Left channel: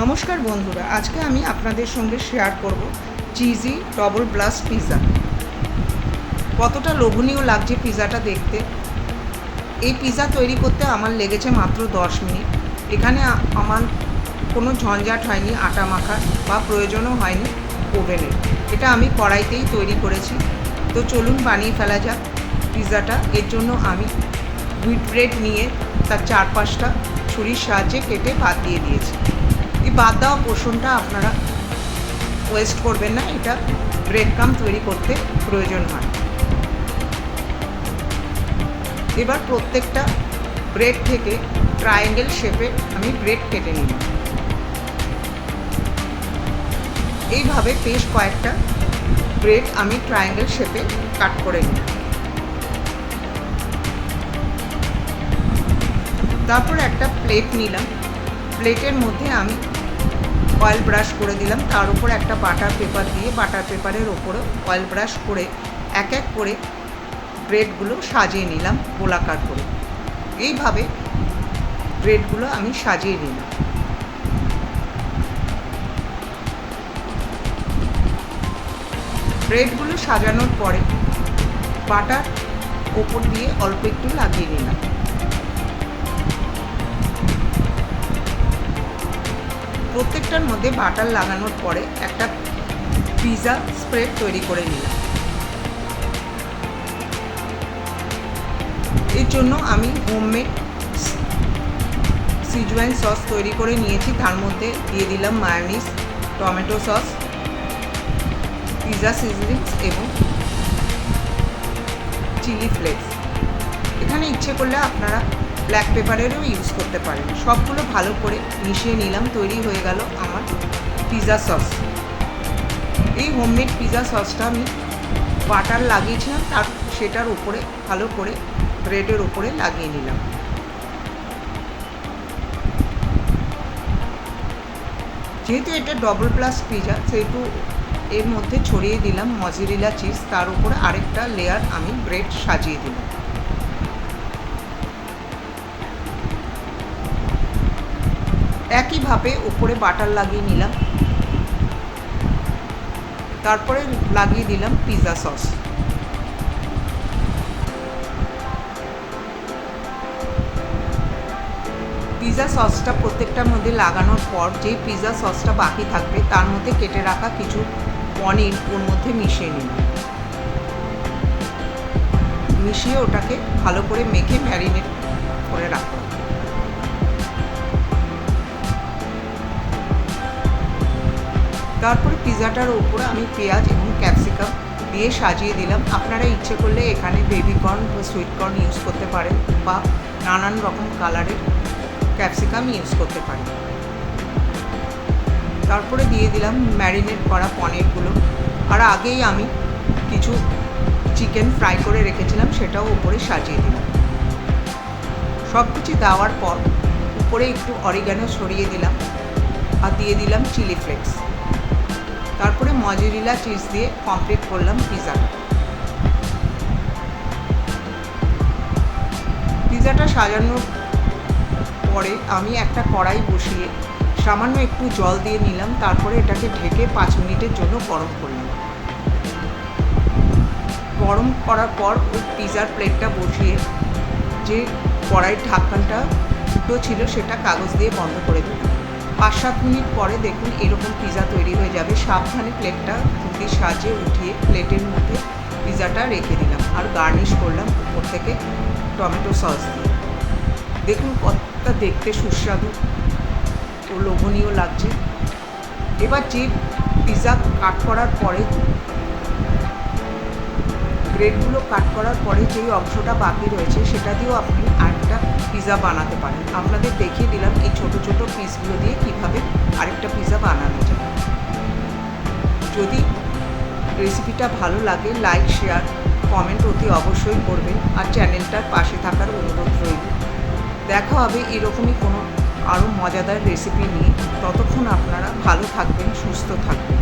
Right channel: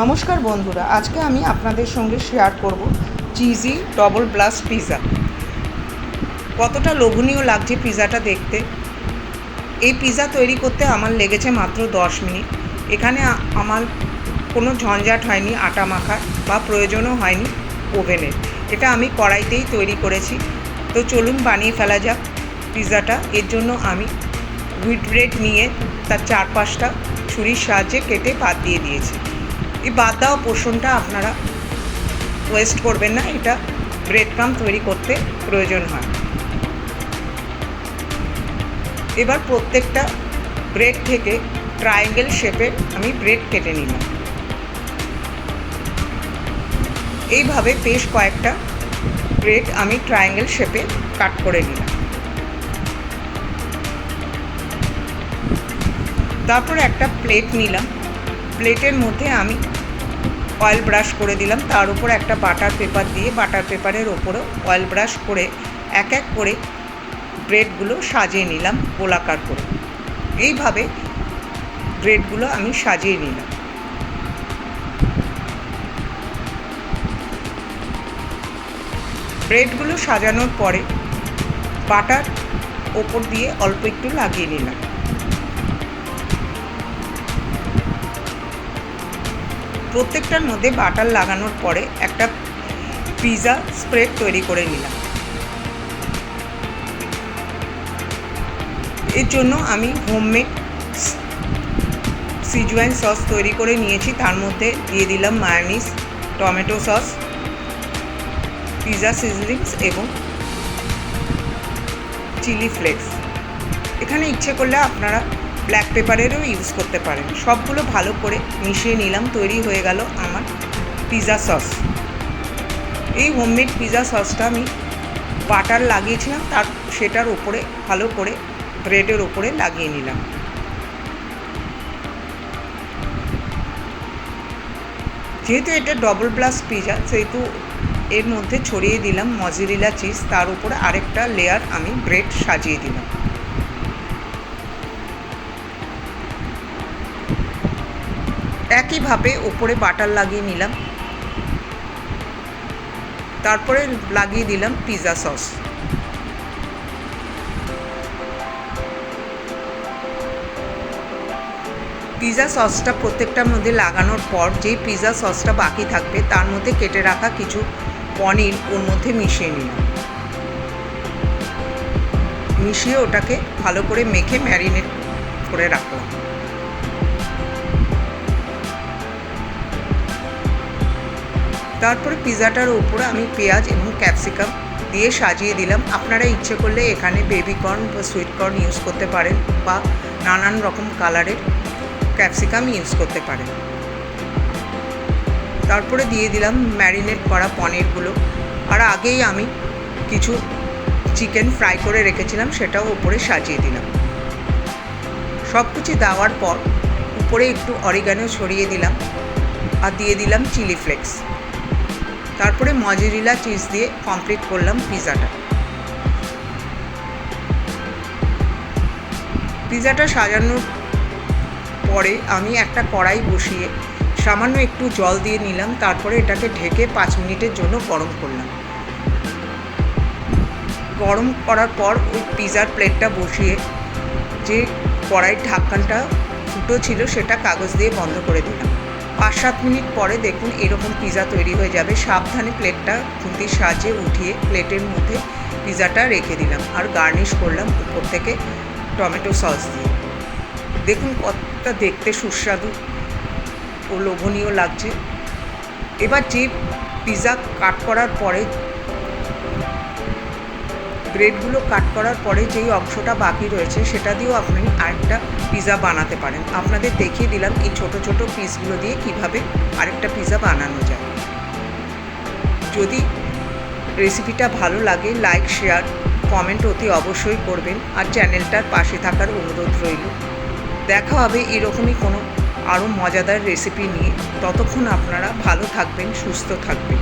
নমস্কার বন্ধুরা, আজকে আমি আপনাদের সঙ্গে শেয়ার করব চিজি ডবল ব্লাস্ট পিৎজা। কতটা লোভনীয় লাগছে পিৎজাটা দেখতে। এই পিৎজা তৈরি করতে আমার লেগেছে মাত্র 10 মিনিট। এখানে আমার কোনো ঝঞ্ঝাট হয়নি আটা মাখার বা প্রয়োজনও হয়নি ওভেনের। এটা আমি কড়াইতেই তৈরি করেছি। তো চলুন বানিয়ে ফেলা যাক পিৎজাটা। এর জন্য আমি হুইট ব্রেড নিয়ে তার 4-5টা ছুরির সাহায্যে কেটে বাদ দিয়ে দিয়েছি। এই বাদ দেওয়া পোর্শনটা আপনারা ওয়েস্ট করবেন না, এটা ব্রেড ক্রাম্ব তৈরি করতে প্রয়োজন হয়। এবার প্রত্যেকটা ব্রেড থেকে ট্রায়াঙ্গেল শেপের আমি ব্রেড কেটে নিলাম। এইভাবে বেশ কয়েকটা ব্রেড আমি ট্রায়াঙ্গেল শেপে কাট করে নিলাম। তারপর একটা প্লেট নিলাম। প্লেটের মধ্যে আমি অয়েল ব্রাশ করে দিলাম। তার উপর একটা বাটার পেপার দিয়ে বাটার পেপারের ওপরেও অয়েল ব্রাশ করে এক এক করে ব্রেডগুলো সাজিয়ে নিলাম গোলাকার করে। এইভাবে ব্রেডগুলো আমি সাজিয়ে নিলাম। ব্রেডগুলো সাজানোর পরে বাটার ওপর দিয়ে অল্প একটু লাগিয়ে নিলাম। প্রত্যেকটার মধ্যে বাটার লাগানোর পরে একটা পিৎজা স্প্রেড তৈরি করে নিলাম। এর জন্য আমি হোমমেড সিজওয়ান সস তৈরি করে নিয়েছি। তার মধ্যে দিয়ে দিলাম মায়োনিজ, টমেটো সস, পিৎজা সিজনিংস এবং চিলি ফ্লেক্স। এখানে ইচ্ছে করলে আপনারা ব্ল্যাক পেপারেরও ইউজ করতে পারেন। সবগুলো ভালো করে মিশিয়ে নিলাম। তৈরি হয়ে গেল আমার পিৎজা সস। এই হোমমেড পিৎজা সসটা আমি বাটার লাগিয়েছিলাম, সেটার উপরে ভালো করে ব্রেডের উপরে লাগিয়ে নিলাম। যেহেতু এটা ডবল ব্লাস্ট পিৎজা, সেহেতু এর মধ্যে ছড়িয়ে দিলাম মজেরেলা চিজ। তার উপরে আরেকটা লেয়ার আমি ব্রেড সাজিয়ে দিলাম। একইভাবে ওপরে বাটার লাগিয়ে নিলাম। তারপরে লাগিয়ে দিলাম পিৎজা সস। পিৎজা সসটা প্রত্যেকটার মধ্যে লাগানোর পর যেই পিৎজা সসটা বাকি থাকবে তার মধ্যে কেটে রাখা কিছু পনির ওর মধ্যে মিশিয়ে নিলাম। মিশিয়ে ওটাকে ভালো করে মেখে ম্যারিনেট করে রাখলাম। তারপরে পিৎজাটার উপরে আমি পেঁয়াজ এবং ক্যাপসিকাম দিয়ে সাজিয়ে দিলাম। আপনারা ইচ্ছে করলে এখানে বেবি কর্ন বা সুইট কর্ন ইউজ করতে পারেন বা নানান রকম কালারের ক্যাপসিকাম ইউজ করতে পারেন। তারপরে দিয়ে দিলাম ম্যারিনেট করা পনিরগুলো। আর আগেই আমি কিছু চিকেন ফ্রাই করে রেখেছিলাম, সেটাও উপরে সাজিয়ে দিলাম। সব কিছু দেওয়ার পর উপরে একটু অরিগানো ছড়িয়ে দিলাম আর দিয়ে দিলাম চিলি ফ্লেক্স। তারপরে মজেরেলা চিজ দিয়ে কমপ্লিট করলাম পিৎজাটা। পিৎজাটা সাজানোর পরে আমি একটা কড়াই বসিয়ে সামান্য একটু জল দিয়ে নিলাম। তারপরে এটাকে ঢেকে 5 মিনিটের জন্য গরম করলাম। গরম করার পর ওই পিৎজার প্লেটটা বসিয়ে যে কড়াইয়ের ঢাকনাটা ফুটো ছিল সেটা কাগজ দিয়ে বন্ধ করে দিলাম। 5-7 মিনিট পরে দেখুন এরকম পিৎজা তৈরি হয়ে যাবে। সাবধানে প্লেটটা খুন্তির সাহায্যে উঠিয়ে প্লেটের মধ্যে পিৎজাটা রেখে দিলাম আর গার্নিশ করলাম উপর থেকে টমেটো সস দিয়ে। দেখুন কতটা দেখতে সুস্বাদু ও লোভনীয় লাগছে। এবার যে পিৎজা কাট করার পরে ব্রেডগুলো কাট করার পরে যেই অংশটা বাকি রয়েছে সেটা দিয়েও আপনি আরেকটা পিৎজা বানাতে পারেন। আপনাদের দেখিয়ে দিলাম এই ছোট ছোট পিসগুলো দিয়ে কিভাবে আরেকটা পিৎজা বানানো যায়। যদি রেসিপিটা ভালো লাগে লাইক, শেয়ার, কমেন্ট অতি অবশ্যই করবেন আর চ্যানেলটার পাশে থাকার অনুরোধ রইল। দেখা হবে এরকমই কোনো আরও মজাদার রেসিপি নিয়ে। ততক্ষণ আপনারা ভালো থাকবেন, সুস্থ থাকবেন।